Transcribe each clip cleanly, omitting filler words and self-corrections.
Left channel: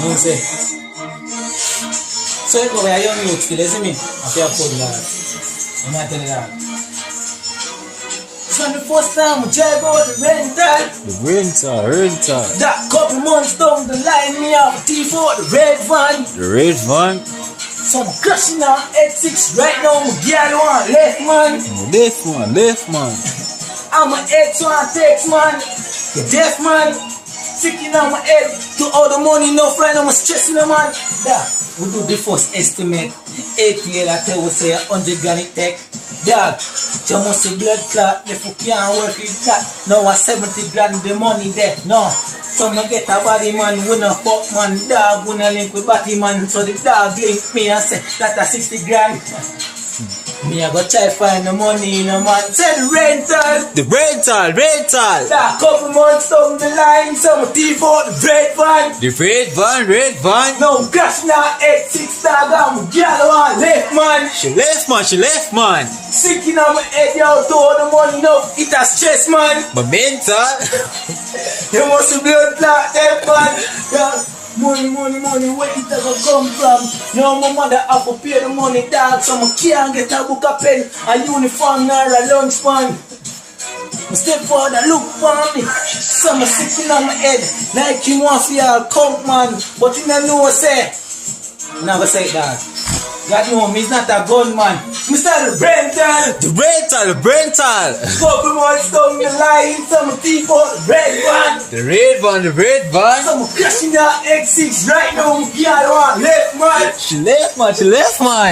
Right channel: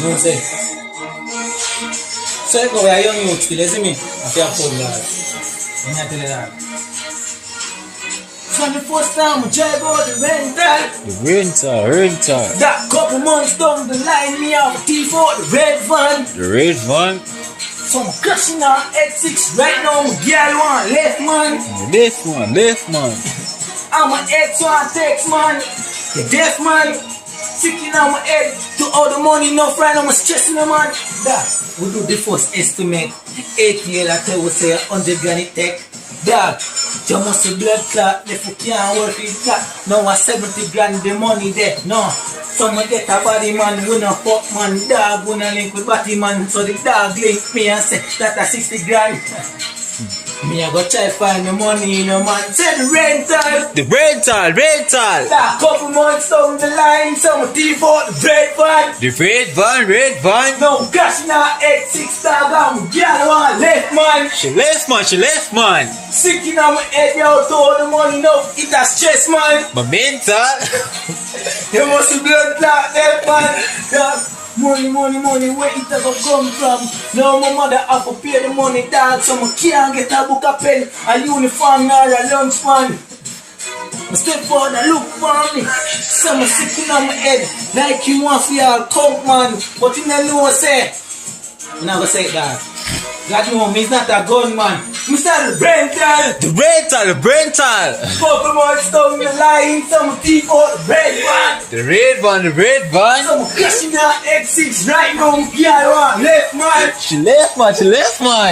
know what I'm saying? So you go where a young youth feel, you see me? I feel afford that. I'm not telling you that. From the first time we drive out the rental. The rental. That couple months down the line, me have a thief out the red van. The red van. So I'm crashing on X6 right now, my girl want left man. Left man. I'm a X1 text man. You deaf man. Sticking on my head to all the money, no friend, I'm stressing them man. That we do the first estimate. 8 years I tell we say 100 grand it take. Dog, you must see blood clot, if you can't work with that. Now 70 grand the money there, no. So I get a body man, we no fuck man. Dog, we no link with body man. So the dog link me and say, that a 60 grand. Me I go try find the money, you know man. Say the rental. The rental. That couple months down the line, some thief out the red van. The red van. No gas now, X6 dog, I'm girl want left man. She left man. Sinking on my head, yo, to all the money, no, it a stress man. My mental. You must be blood clot there man. Dog, money, where it ever come from? Now my mother have to pay the money, dog, so I can't get a book, a pen, a uniform, nor a lunch pan. I step forward and look for me. Some sitting on my head like you want for your count man. But you don't know what I say. You never say that. God know me, he's not a gunman. Mr. The rental. The rental. Couple months down the line, some thief out the red van. The red van. Some crashing out X6 right now, girl want left man. She left man.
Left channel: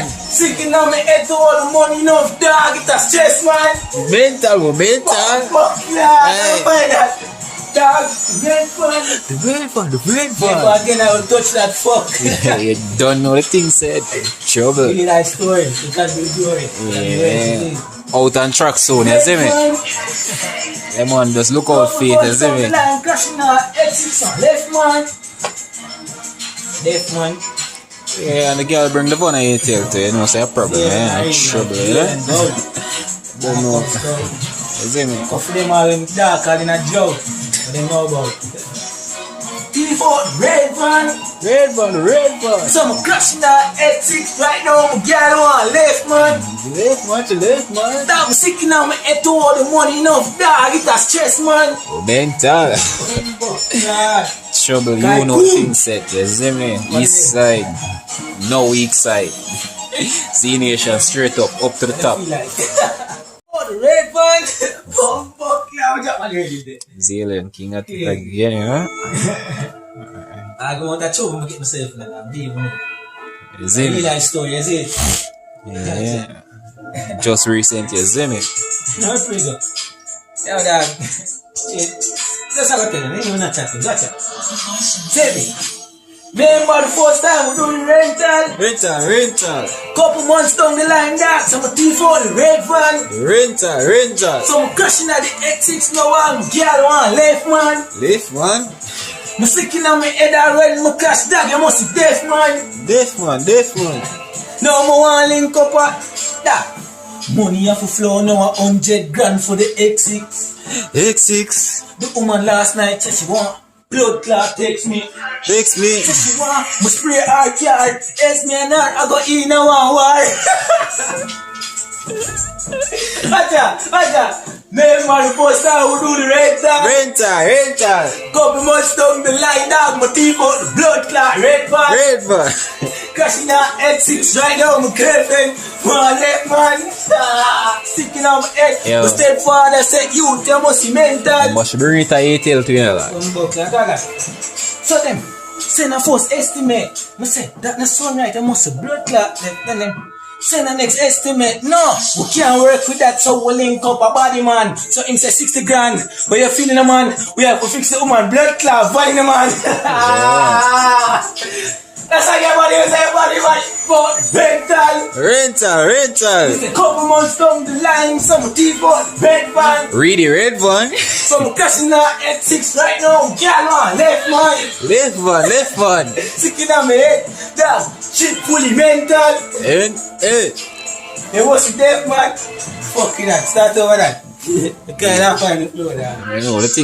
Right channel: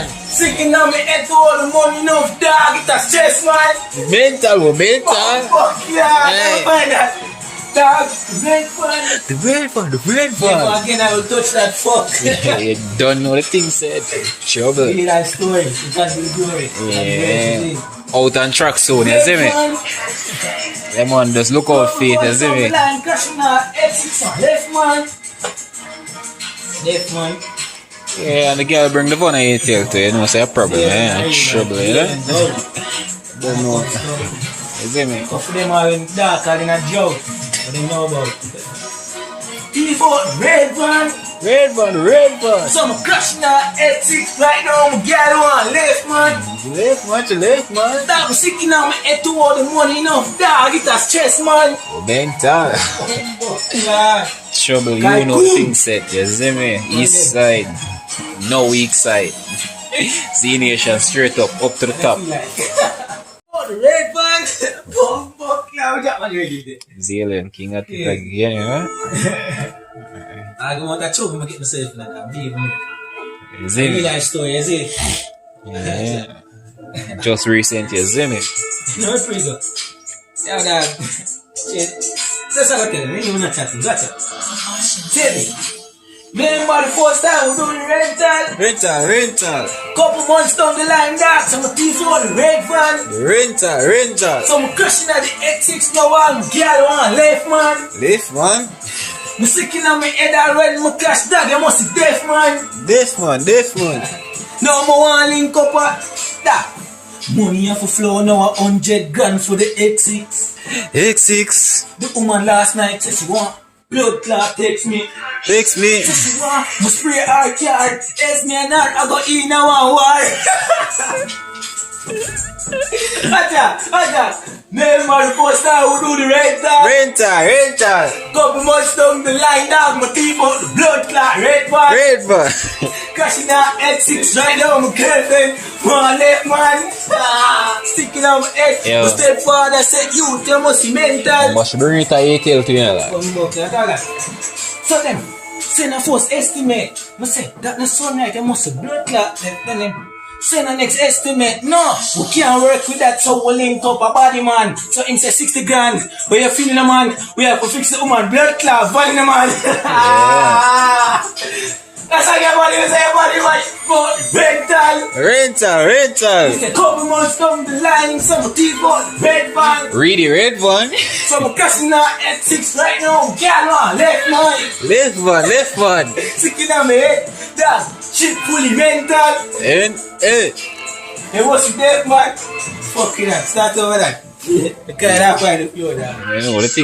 Sinking on my head to all the money, no dog, it's a stress man. Mental. Fuck yeah, I find that. Dog, The red van. Never again I will touch that fuck. You don't know the thing said. Trouble. Really like stories, you can't do it. Yeah. Out on track soon, you see me? Them man just look out for it, you see me? Line crashing out, X6 on left man. Yeah, and the girl bring the phone and you tell to you, know, say a problem, trouble, you know? Don't know. You see me? Because them are in dark and in a drought. But they know about it. Thief out red van. Some crashing out X6 right now, girl want left man. Left man. Dog sticking on my head to all the money enough, dog, it's a stress man. Mental. Yeah. Trouble, you know the thing set, you see me? East side, no weak side. Z Nation straight up to the top. The red van. Fuck yeah, we got one ready. Zalienking at it again, you know? I go want that trouble, I'm get myself like that. You see me? Real story, you see? Yeah. Just recent, you see me? No, it's pretty good. Yeah, dad. Shit. That's how I tell you, you're not chatting, gotcha. Tell me. Remember the first time we do the rental? Couple months down the line, dog. Some thief out the red van. The rental. Some crashing at the X6 now, one girl want left man. I'm sticking on my head already, my crash dog, you must be deaf man. Now I want link up at that. Money have to flow now 100 grand for the X6. The woman last night said she want blood clot, text me. Said she want me spray her car. Ask me and her, I go in a one war. Aja. Remember the first time we do the rental? Couple months down the line, dog, my team out the blood clot, red van. Crashing out X6 right now, my girlfriend, my left man. Sticking on my head. The stepfather said, you must be mental. Must bring it a ATL to you, like. So them, send a first estimate. I say, that not so right, I must have blood clot. Then them, send a next estimate. No, we can't work with that, so we link up a body man. So him say 60 grand. But you're feeling a man, we have to fix the woman blood clot, body man. That's how your body man. But rental. It's a couple months down the line, some thief out red van. Red van. Some crashing out X6 right now, girl on left man. Sticking on my head, that shit fully rental. It was deaf man. Fuck it up, start over that. You can't find the floor there. You know the thing.